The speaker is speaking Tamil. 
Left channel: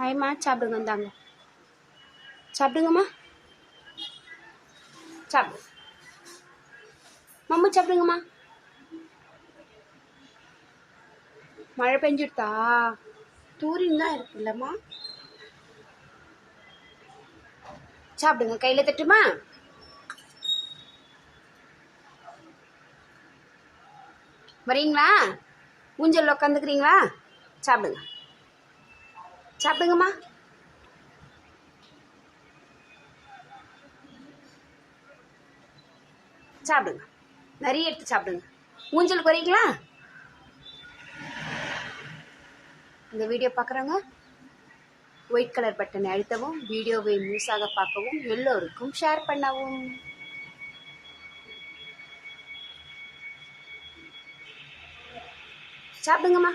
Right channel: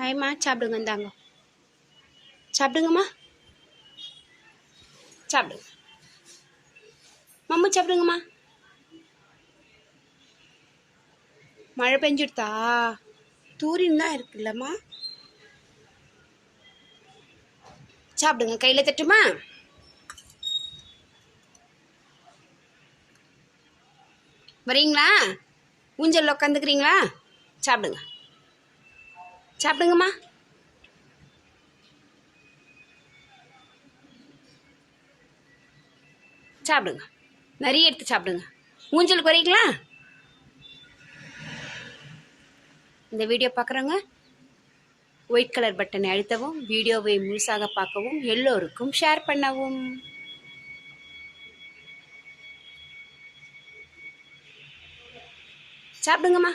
ஹாய்மா சாப்பிடுங்க இந்தாங்க சாப்பிடுங்கம்மா சாப்பிடுங்க மம்மு சாப்பிடுங்கம்மா மழை பெஞ்சுடுதா தூரின்னு தான் இருக்குல்லம்மா சாப்பிடுங்க கையில் தட்டுமா வரீங்களா ஊஞ்சலில் உட்காந்துக்கிறீங்களா சாப்பிடுங்க சாப்பிடுங்கம்மா. சாப்பிடுங்க. நிறைய எடுத்து சாப்பிடுங்க. ஊஞ்சல் வரீங்களா இந்த வீடியோ பார்க்குறவங்க ஒயிட் கலர் பட்டனை அழுத்தவும் வீடியோவை முழுசாக பார்க்கவும் எல்லோருக்கும் ஷேர் பண்ணவும். சாப்பிடுங்கம்மா.